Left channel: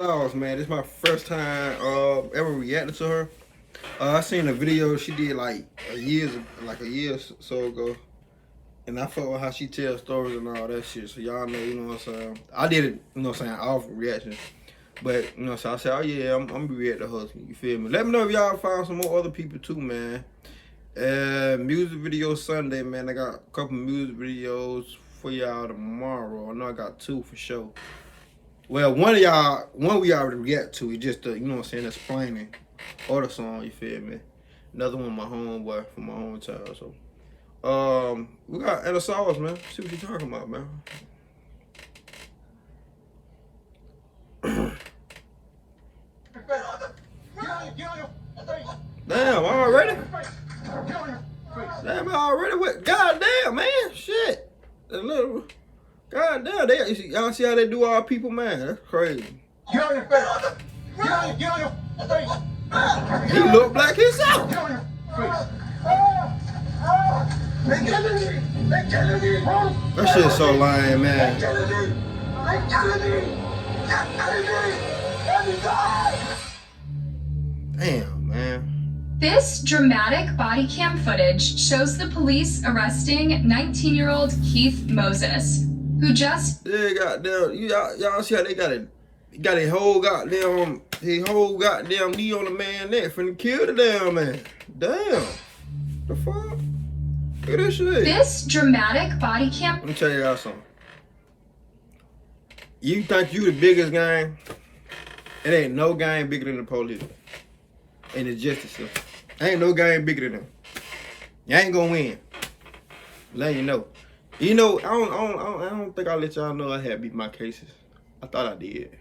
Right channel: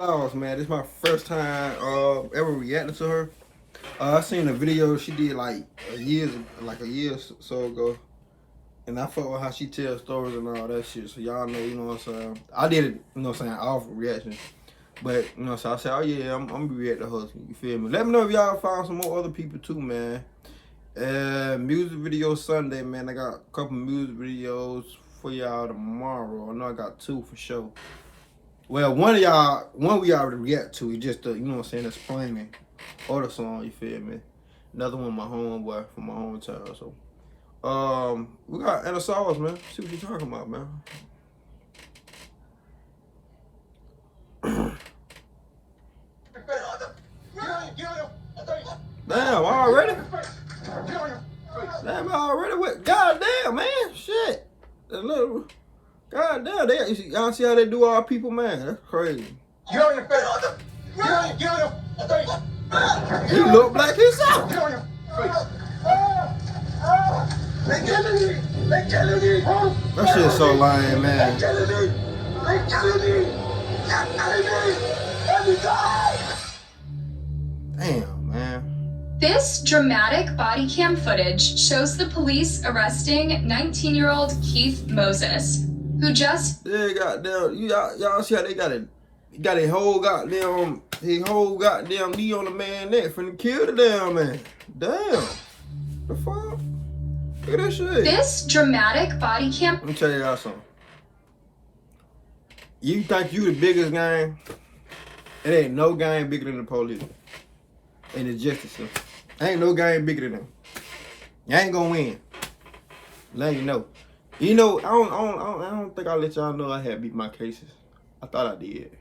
SOLVES, man. This is my first time ever reacting to her. I seen a video she did like a year or so ago, and I fuck with how she tells stories and all that shit. So y'all know, you know what I'm saying. I did it, you know what I'm saying, off reaction, but you know, so I said, oh yeah, I'm gonna be reacting to her. You feel me? Let me know if y'all find some more other people too, man. Music video Sunday, man. I got a couple music videos for y'all tomorrow. I know I got two for sure. Well, one we already react to. It's just, you know what I'm saying, explaining other song, you feel me? Another one, my homeboy from my hometown. So, we got SOLVES, man. See what you talking about, man. Damn, already? Damn, already? What? Goddamn, man. Shit. That little... God damn, y'all see how they do our people, man? That's crazy. Get on your face. Get on your face. He look black himself. Get on your face. They killing me. They killing me. That shit's so lame, man. They killing me. They killing me. They're killing me. Every time. Damn, man. This dramatic body cam footage shows the police arresting 19-year-old Keith Moses, who just... Yeah, goddamn, y'all see how they got a whole goddamn knee on the man neck finna kill the damn man. Damn. The fuck? Look at that shit. This dramatic body cam... Let me tell y'all something. You think you the biggest gang? It ain't no gang bigger than the police. And the justice system. Ain't no gang bigger than them. You ain't gonna win. Let you know. You know, I don't think I let y'all know I had beat my cases. I thought I did.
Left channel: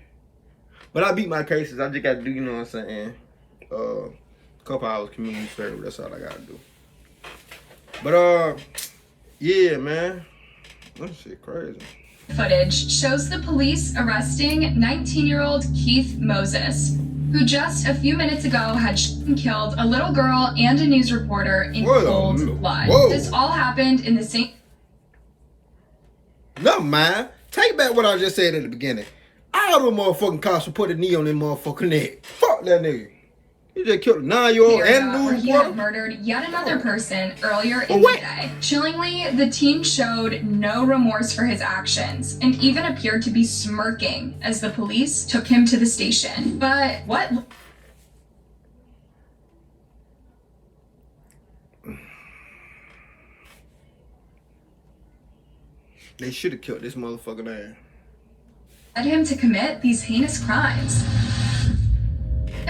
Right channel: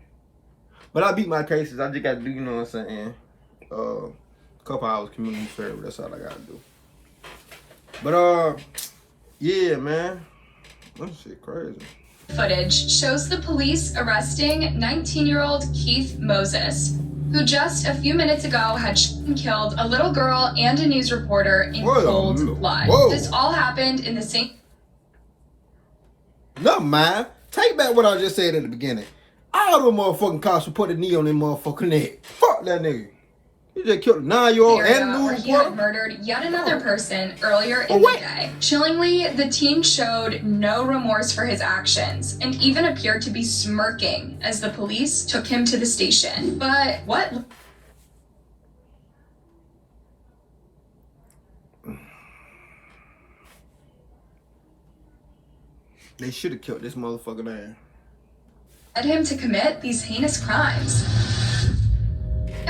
But I beat my cases. I just got to do, you know what I'm saying, a couple hours community service. That's all I got to do. But, yeah, man. That shit crazy. Footage shows the police arresting 19-year-old Keith Moses, who just a few minutes ago had killed a little girl and a news reporter in cold blood. Whoa. This all happened in the same... Never mind. Take back what I just said at the beginning. All them motherfucking cops will put a knee on them motherfucking neck. Fuck that nigga. He just killed a 9-year-old and a news He reporter. had murdered yet another person earlier in the day. Chillingly, the teen showed no remorse for his actions and even appeared to be smirking as the police took him to the station. But what? They should have killed this motherfucking ass. Led him to commit these heinous crimes.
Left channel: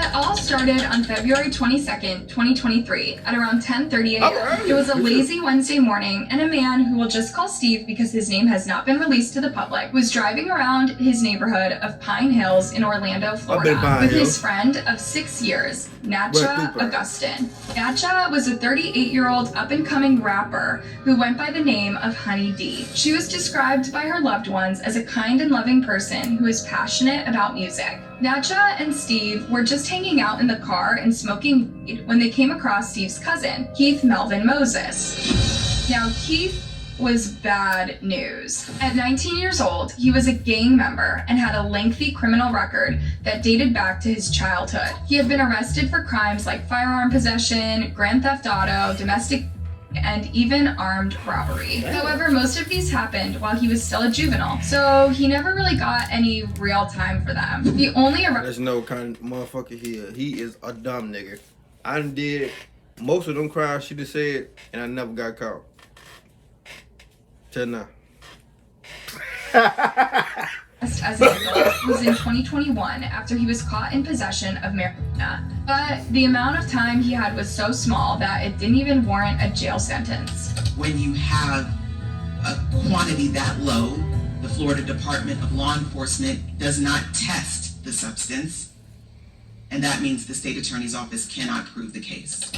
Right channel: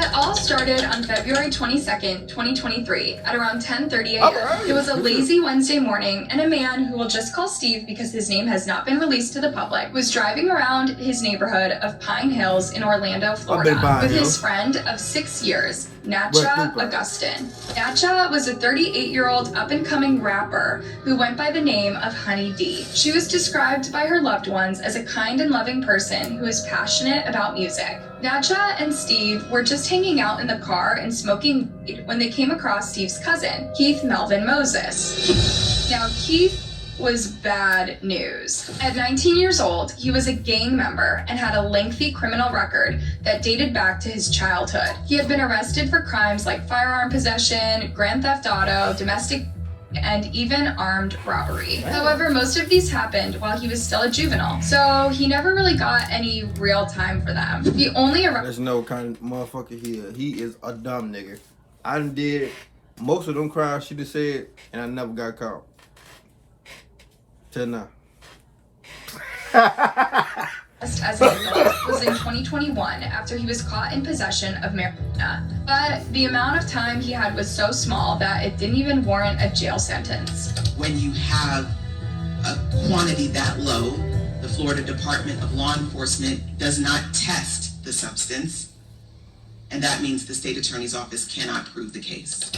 It all started on February 22nd, 2023 at around 10:30 a.m. It was a lazy Wednesday morning, and a man who we'll just call Steve because his name has not been released to the public was driving around his neighborhood of Pine Hills in Orlando, Florida with his friend of 6 years, Natcha Augustin. Natcha was a 38-year-old up-and-coming rapper who went by the name of Honey D. She was described by her loved ones as a kind and loving person who is passionate about music. Natcha and Steve were just hanging out in the car and smoking weed when they came across Steve's cousin, Keith Melvin Moses. Now, Keith was bad news. At 19 years old, he was a gang member and had a lengthy criminal record that dated back to his childhood. He had been arrested for crimes like firearm possession, grand theft auto, domestic and even armed robbery. However, most of these happened while he was still a juvenile, so he never really got any real time for them. The only There's no kind of motherfucker here. He is a dumb nigga. I done did most of them crimes she just said, and I never got caught. Till now. as an adult was in 2021 after he was caught in possession of marijuana. But the amount of time he had was so small that it didn't even warrant a jail sentence. When you have a quantity that low, the Florida Department of Law Enforcement does not test the substance, and that means the state attorney's office cannot prove the case.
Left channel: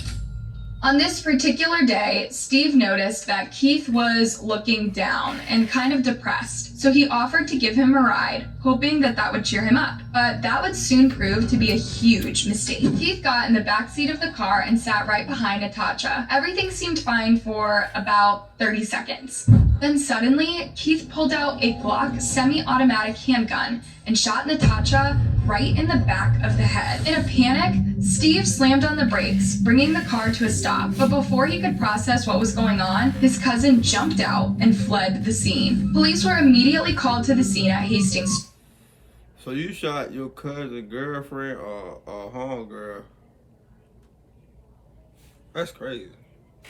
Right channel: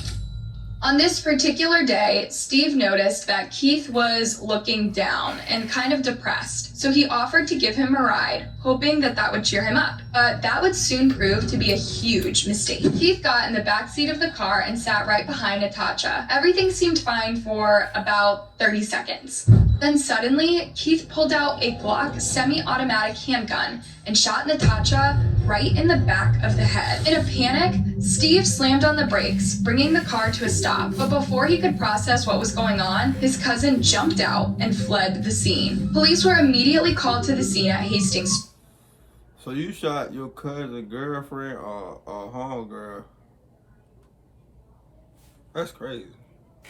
On this particular day, Steve noticed that Keith was looking down and kind of depressed, so he offered to give him a ride, hoping that that would cheer him up. But that would soon prove to be a huge mistake. Keith got in the backseat of the car and sat right behind Natasha. Everything seemed fine for about 30 seconds. Then suddenly, Keith pulled out a Glock semi-automatic handgun and shot Natasha right in the back of the head. In a panic, Steve slammed on the brakes, bringing the car to a stop. But before he could process what was going on, his cousin jumped out and fled the scene. Police were immediately called to the scene at Hastings. So you shot your cousin girlfriend or homegirl? That's crazy.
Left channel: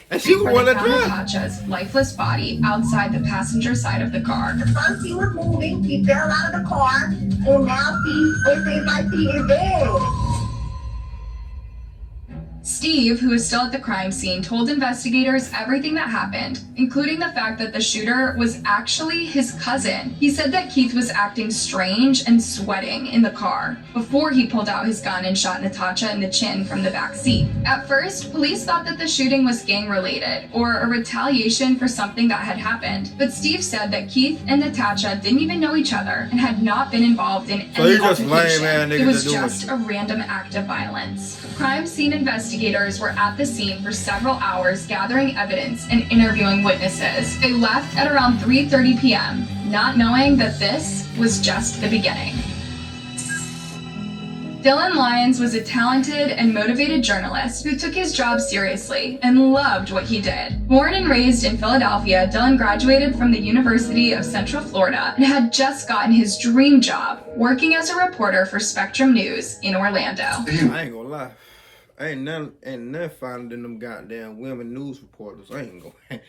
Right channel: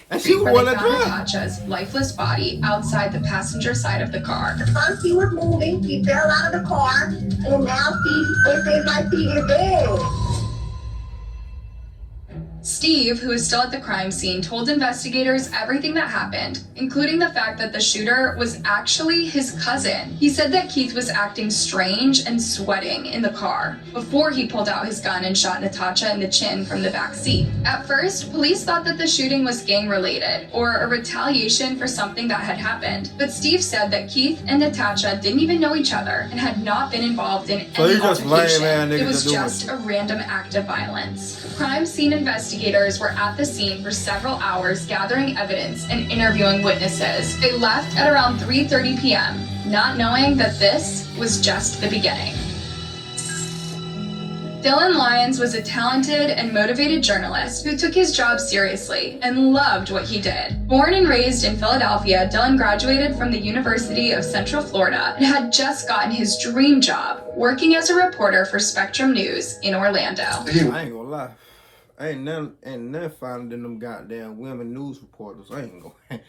And she was where one they that found drive. Natasha's lifeless body outside the passenger side of the car. First he was moving, he fell out of the car, and now it seems like he is dead. Steve, who is still at the crime scene, told investigators everything that happened, including the fact that the shooter was actually his cousin. He said that Keith was acting strange and sweating in the car before he pulled out his gun and shot Natasha in the chin from the back seat. At first, police thought that the shooting was gang-related or a retaliation for something that had happened. But Steve said that Keith and Natasha didn't even know each other and had not been involved in So any you just altercation. lame-ass niggas It was that doing just shit. a random act of violence. Crime scene investigators were at the scene for several hours gathering evidence and interviewing witnesses. They left at around 3:30 p.m., not knowing that this was just the beginning. Dylan Lyons was a talented and motivated journalist who took his job seriously and loved what he did. Born and raised in Philadelphia, Dylan graduated from the University of Central Florida and had just gotten his dream job, working as a reporter for Spectrum News in Orlando. I ain't gonna lie. Ain't none finer than them goddamn women news reporters. I ain't gonna.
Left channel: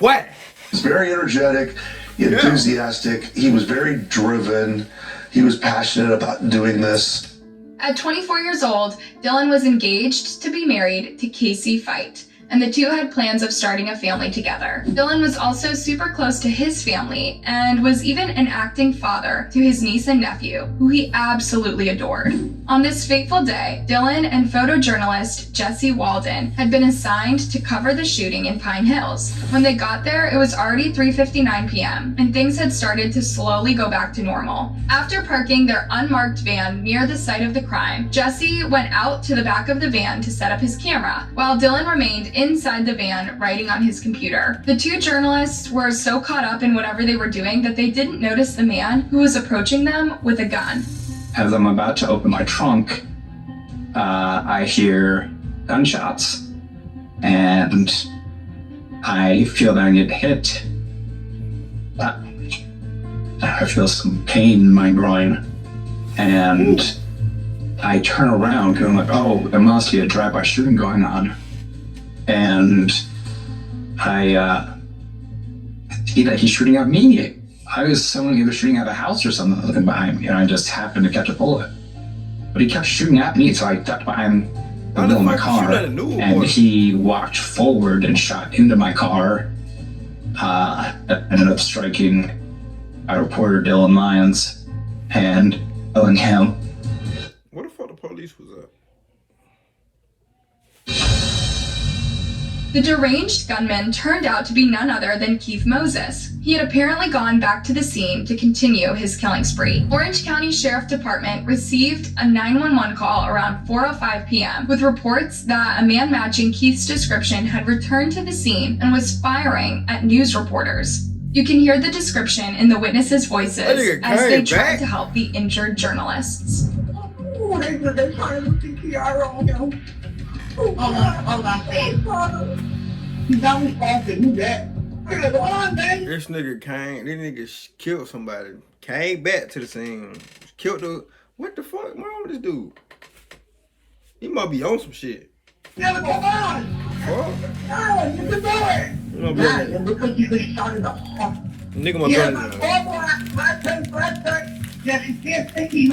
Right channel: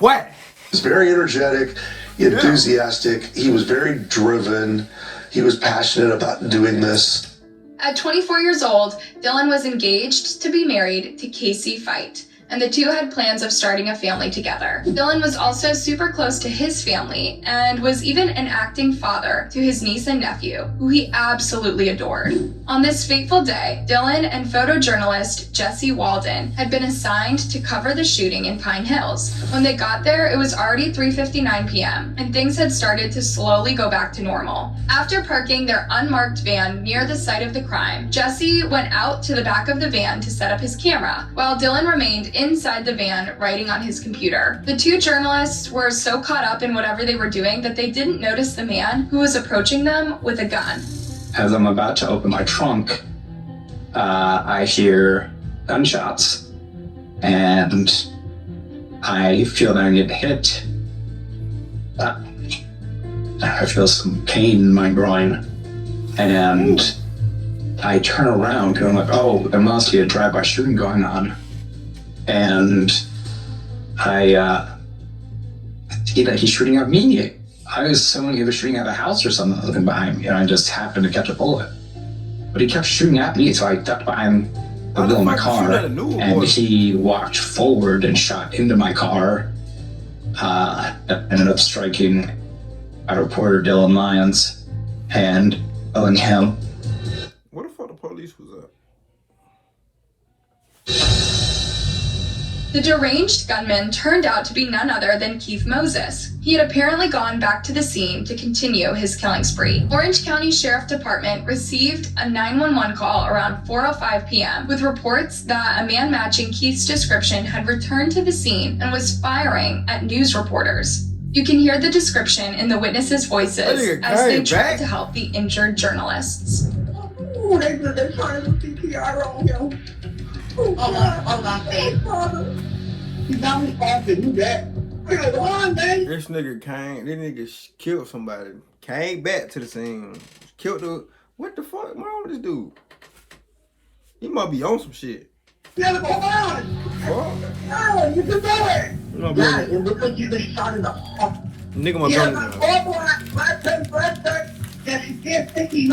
What? He was very energetic, enthusiastic. He was very driven. He was passionate about doing this. At 24 years old, Dylan was engaged to be married to Casey Fight, and the two had plans of starting a family together. Dylan was also super close to his family and was even an acting father to his niece and nephew, who he absolutely adored. On this fateful day, Dylan and photojournalist Jesse Walden had been assigned to cover the shooting in Pine Hills. When they got there, it was already 3:59 p.m., and things had started to slowly go back to normal. After parking their unmarked van near the site of the crime, Jesse went out to the back of the van to set up his camera, while Dylan remained inside the van writing on his computer. The two journalists were so caught up in whatever they were doing that they didn't notice the man who was approaching them with a gun. As I'm about to open my trunk, I hear gunshots, and I feel that I get hit. I feel some pain in my groin, and I turn around and I'm like, oh, there must be a drive-by shooting going on. And I see that he's shooting at me. I was assuming he was shooting at a house or something behind me, and I just happened to catch a bullet. But he kept shooting at me, so I ducked behind the wheel of my car, and he walked forward and shot into my car. That ended up striking our reporter Dylan Lyons and killing him. What the fuck the police was at? The deranged gunman turned out to be none other than Keith Moses. He had apparently gone back to the scene to continue his killing spree. Orange County Sheriff Department received a 911 call around 4:05 p.m. with reports that a man matching Keith's description had returned to the scene and was firing at news reporters. You can hear the description in the witnesses' voices as they tried to help the injured journalists. Ooh, they trying to do CPR on him. Hold on, babe. You got me off to do that. This nigga killed somebody. Came back to the scene. Killed the. What the fuck wrong with this dude? He must be on some shit. Yeah, come on. Fuck. No, you can do it. It looks like you been shot in the heart. Nigga must be.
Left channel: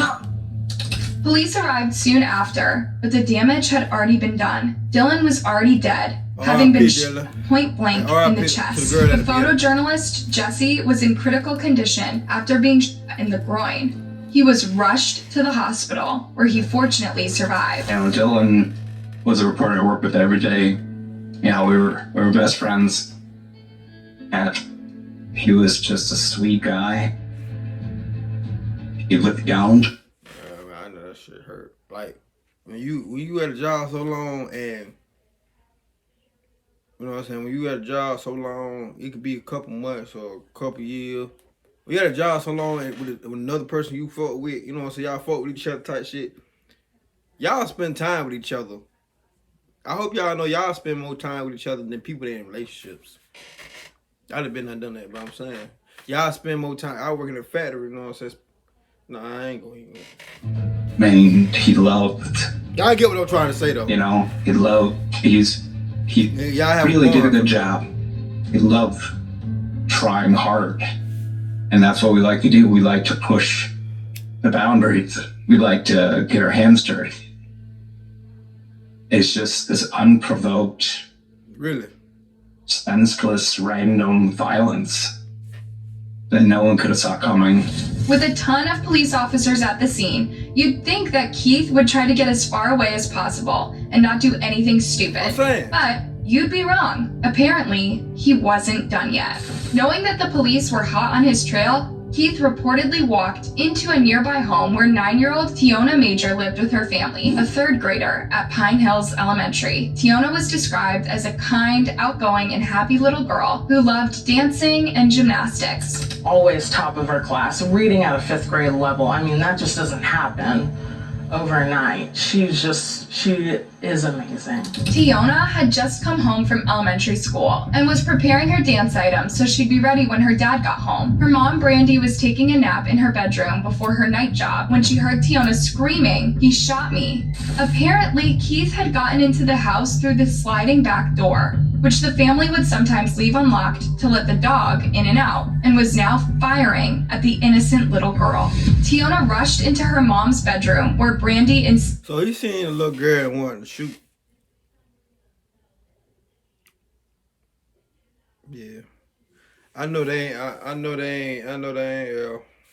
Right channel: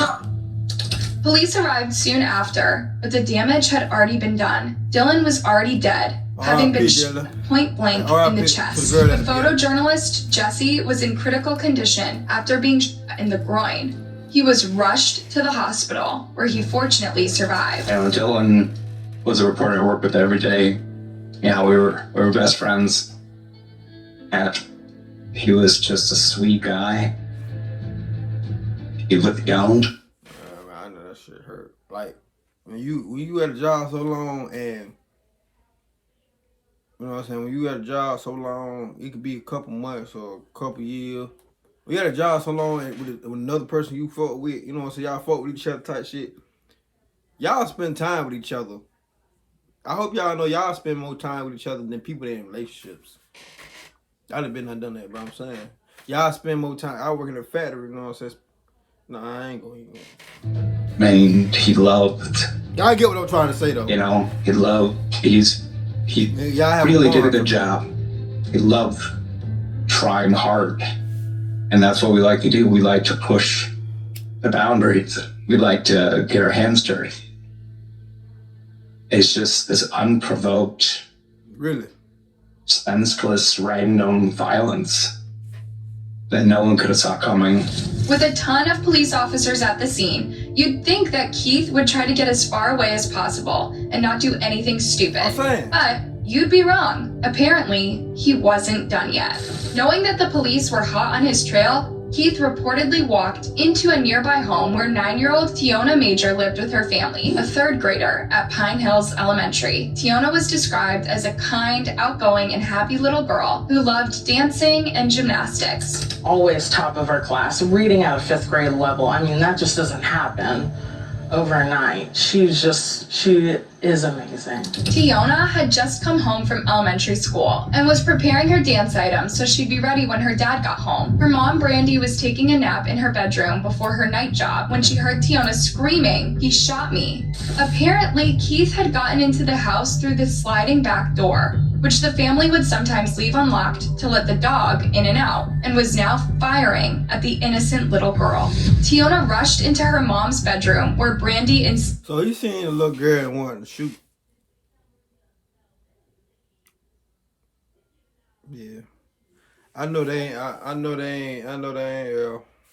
Police arrived soon after, but the damage had already been done. Dylan was already dead, having been shot point blank in the chest. The photojournalist Jesse was in critical condition after being shot in the groin. He was rushed to the hospital, where he fortunately survived. You know, Dylan was a reporter I worked with every day. Yeah, we were best friends. And he was just a sweet guy. He looked young. I know that shit hurt. Like when you at a job so long and You know what I'm saying? When you got a job so long, it could be a couple months or a couple years. When you got a job so long with another person you fuck with, you know what I'm saying? Y'all fuck with each other type shit. Y'all spend time with each other. I hope y'all know y'all spend more time with each other than people that in relationships. I done been there, done that, but I'm saying y'all spend more time. I work in a factory, you know what I'm saying? No, I ain't gonna even. Man, he loved. Y'all get what I'm trying to say though. You know, he really did a good job. He loved trying hard, and that's what we like to do. We like to push the boundaries. We like to get our hands dirty. It's just this unprovoked, really senseless, random violence that no one could have saw coming. With a ton of police officers at the scene, you'd think that Keith would try to get as far away as possible and not do anything stupid. But you'd be wrong. Apparently, he wasn't done yet. Knowing that the police were hot on his trail, Keith reportedly walked into a nearby home where 9-year-old Tiona Major lived with her family, a third grader at Pine Hills Elementary. Tiona was described as a kind, outgoing, and happy little girl who loved dancing and gymnastics. Always top of her class, reading at a 5th grade level. I mean, that just doesn't happen overnight. She is amazing. Tiona had just come home from elementary school and was preparing her dance items so she'd be ready when her dad got home. Her mom, Brandy, was taking a nap in her bedroom before her night job when she heard Tiona screaming, "He shot me." Apparently, Keith had gotten into the house through the sliding back door, which the family would sometimes leave unlocked to let the dog in and out, and was now firing at the innocent little girl. Tiona rushed into her mom's bedroom where Brandy and... So he seen a little girl and wanted to shoot. Yeah. I know they ain't,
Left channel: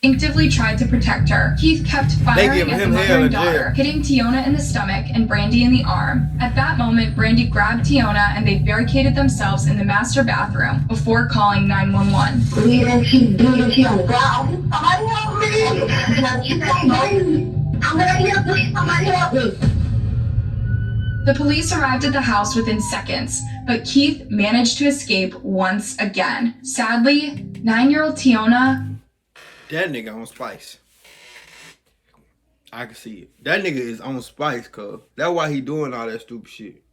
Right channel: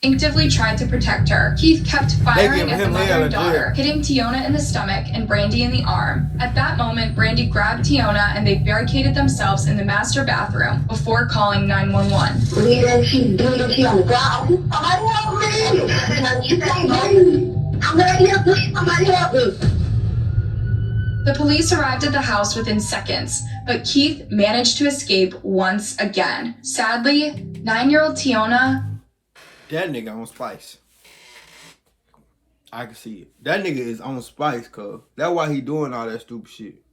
instinctively tried to protect her. Keith kept firing at the mother and daughter, hitting Tiona in the stomach and Brandy in the arm. At that moment, Brandy grabbed Tiona and they barricaded themselves in the master bathroom before calling 911. The police arrived at the house within seconds, but Keith managed to escape once again. Sadly, 9-year-old Tiona... That nigga on spice. I can see it. That nigga is on spice, cuz. That's why he doing all that stupid shit.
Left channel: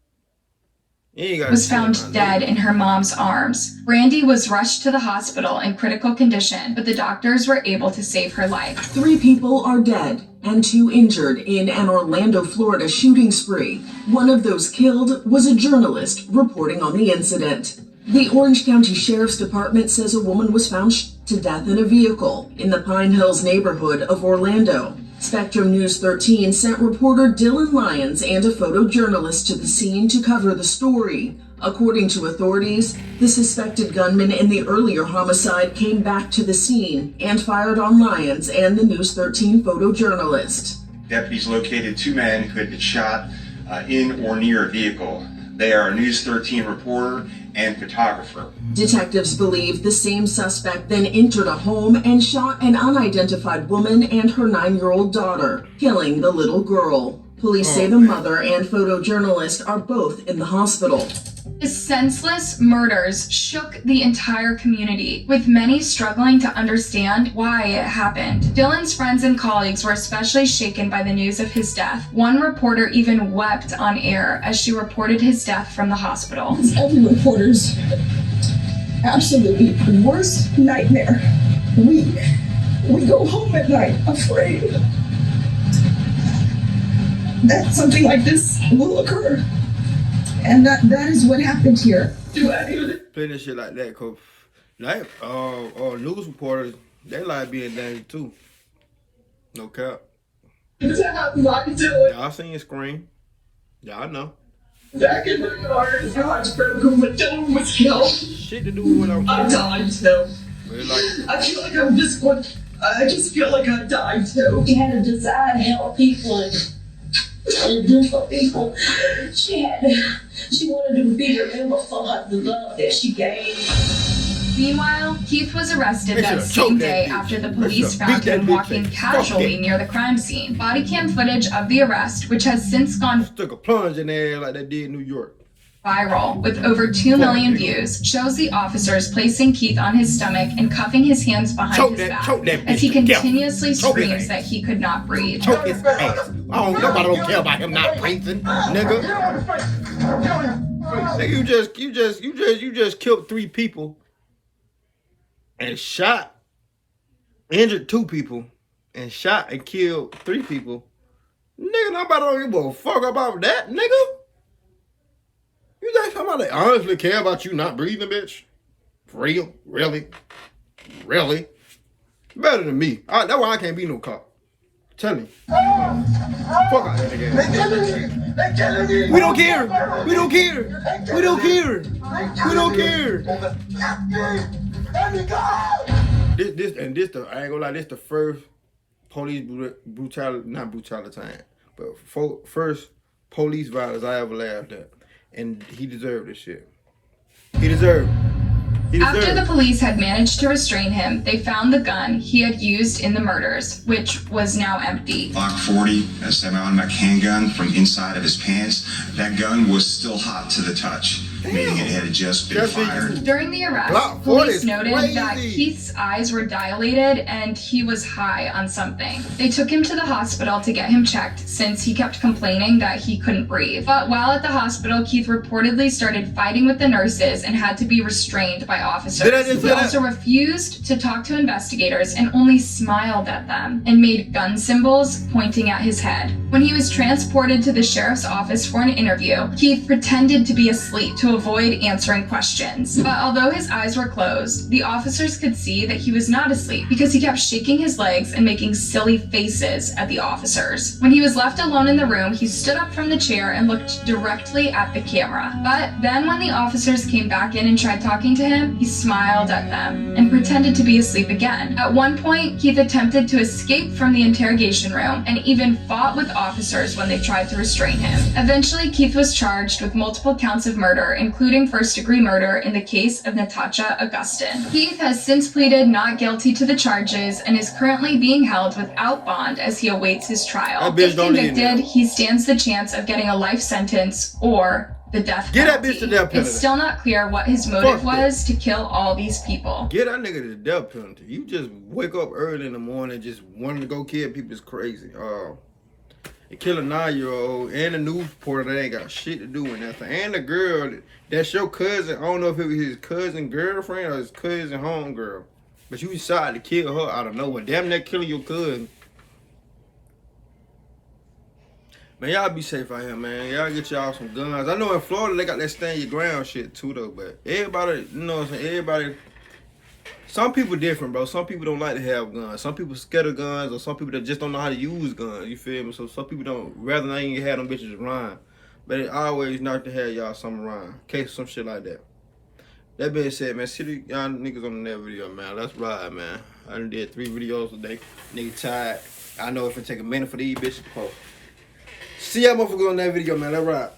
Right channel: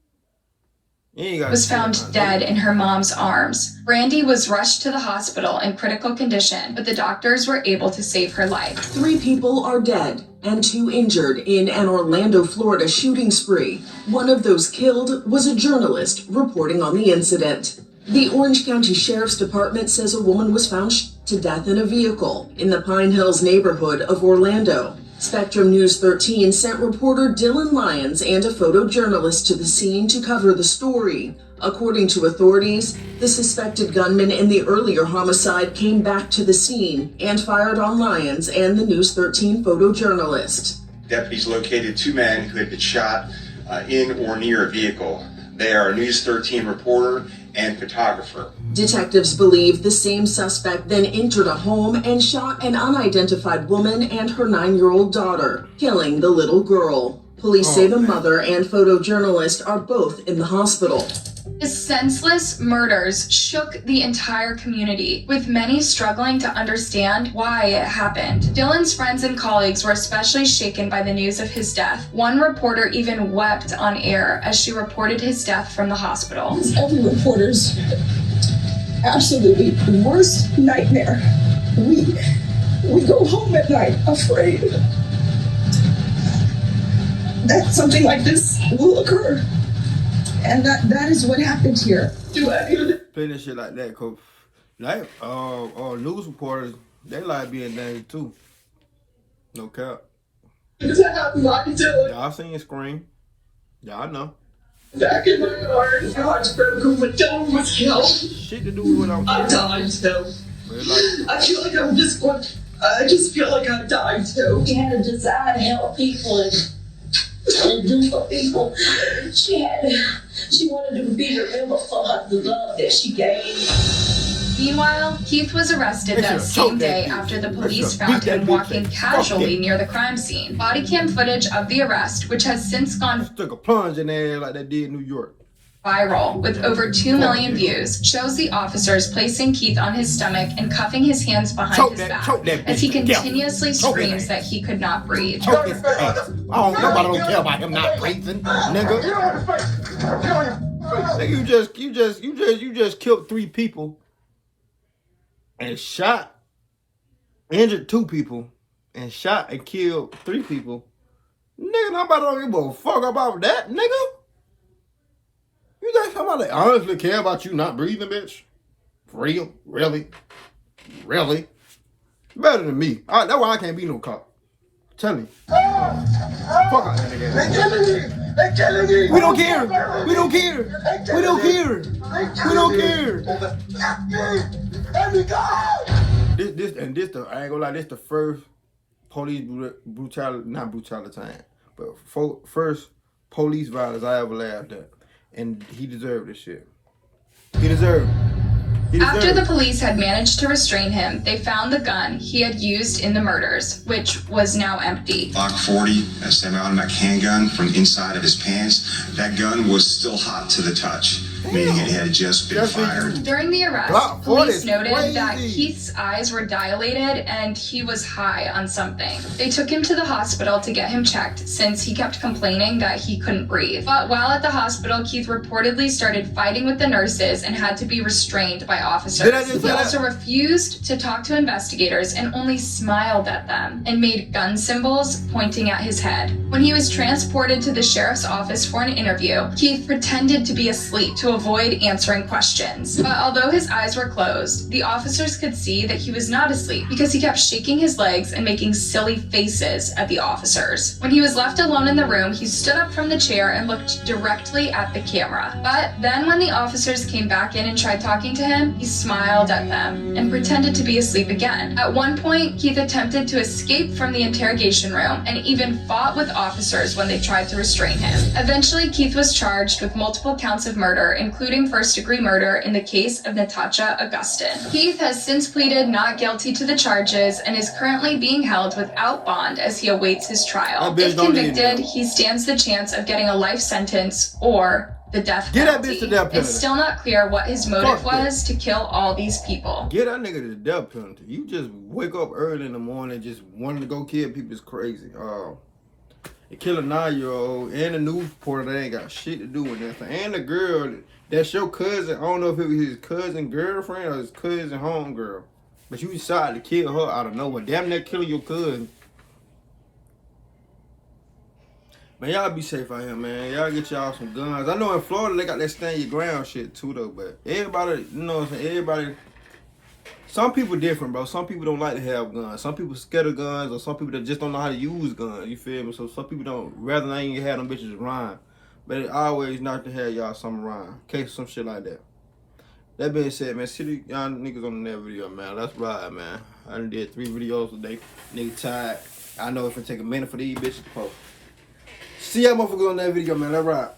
Was found dead in her mom's arms. Brandy was rushed to the hospital in critical condition, but the doctors were able to save her life. 3 people are dead and 2 injured in an Orlando, Florida shooting spree. One of those killed was a journalist reporting on the incident. The Orange County Sheriff's Department says a woman was found to death in a vehicle in the Pine Hills neighborhood of Orlando. Spectrum News 13 sent reporter Dylan Lyons and a photojournalist to the scene to cover the story. According to authorities, the suspected gunman in the earlier homicide came back to the scene and fired on Lyons and the News 13 photojournalist. Deputies located 2 men who had been shot in or near a vehicle. They are a News 13 reporter and photographer. Detectives believe the same suspect then entered a home and shot an unidentified woman and her 9-year-old daughter, killing the little girl. Police say the mother and photojournalist are both in the hospital. The senseless murders shook the entire community, with many struggling to understand why it happened. Dylan's friends and colleagues were especially shaken by the news of his death. One reporter even wept on air as she reported his death from the hospital. Every reporter's absolutely worst nightmare. We go home at night afraid that something like this will occur. And that is what happened here. Play this shit like that, cause like news reporters, they like being danger too. No cap. Y'all seen Scream. Y'all know. Back in my heart, God's broken, but Dylan was killed. Shit to do with what I'm I died too. Like, I feel like I'm just one. I just feel like I died too. She had a desire to help people and do for people. She wanted to be remembered for the love that she gave. Meanwhile, Keith was arrested that same day after the police found him walking casually near the crime scene. Body cam footage of the arrest, which has since gone... Took a plunge in there like they did in New York. viral with over 2 million views, shows the officers placing Keith on his stomach and cuffing his hands behind his back as he continuously screams that he could not breathe. Choke his ass. Nobody don't care about him not breathing, nigga. Nigga, you just killed 3 people and shot, injured 2 people, and shot and killed 3 people. Nigga, nobody don't give a fuck about that, nigga. You think somebody honestly care about you not breathing, bitch? For real? Really? Really? Better than me. That's why I can't be no cop. Tell me. Fuck out that nigga. They killing me. We don't care. We don't care. We don't care. We don't care. This, I ain't gonna lie, this the first police brutality, not brutality time, but first police violence I ever laughed at. And he deserved this shit. He deserved it. After the police had managed to restrain him, they found the gun he had used in the murders, which was now empty. Glock 40, a semi-automatic handgun from inside of his pants. That gun was still hot to the touch, meaning it had just been fired. During the arrest, police noted that Keith's eyes were dilated and he was high on something. They took him to the hospital to get him checked since he kept complaining that he couldn't breathe. But while at the hospital, Keith reportedly started fighting with the nurses and had to be restrained by officers. He also refused to talk to investigators and only smiled at them and made gun symbols pointing at his head. When he was transported to the sheriff's office for an interview, Keith pretended to be asleep to avoid answering questions. But although his eyes were closed, the officers could see that he was not asleep because he kept shaking his legs and making silly faces at the officers. When he was left alone in the room, he stood up from the chair and looked directly at the camera. But then when the officers came back in and tried talking to him, he smiled at them and pretended to be asleep again. At one point, Keith attempted to escape from the interrogation room and even fought with officers when they tried to restrain him. Eventually, Keith was charged with multiple counts of murder, including first-degree murder in the case of Natasha Augustin. Keith has since pleaded not guilty to the charges and is currently being held without bond as he awaits his trial. If convicted, he stands the chance of getting a life sentence or the death penalty. Get that bitch the death penalty. It's still not clear what his motive was to kill all these people. Get that nigga the death penalty. You just wake up early in the morning just wanting to go kill people is crazy. And kill a 9-year-old and a news reporter that ain't got shit to do with nothing. And the girl, that's your cousin. I don't know if it was his cousin girlfriend or his cousin homegirl. But you decided to kill her out of nowhere. Damn near killing your cousin. Man, y'all be safe out here, man. Y'all get y'all some guns. I know in Florida they got that stand your ground shit too, though. But everybody, you know what I'm saying? Everybody, some people different, bro. Some people don't like to have guns. Some people scared of guns, or some people that just don't know how to use guns. You feel me? So some people don't, rather than even have them bitches around. But it always nice to have y'all something around, in case some shit like that. That being said, man, see y'all niggas on the next video, man. Let's ride, man. I done did 3 videos today. Nigga tired. I know if it take a minute for these bitches to post. See y'all motherfuckers on that video, man. Let's ride.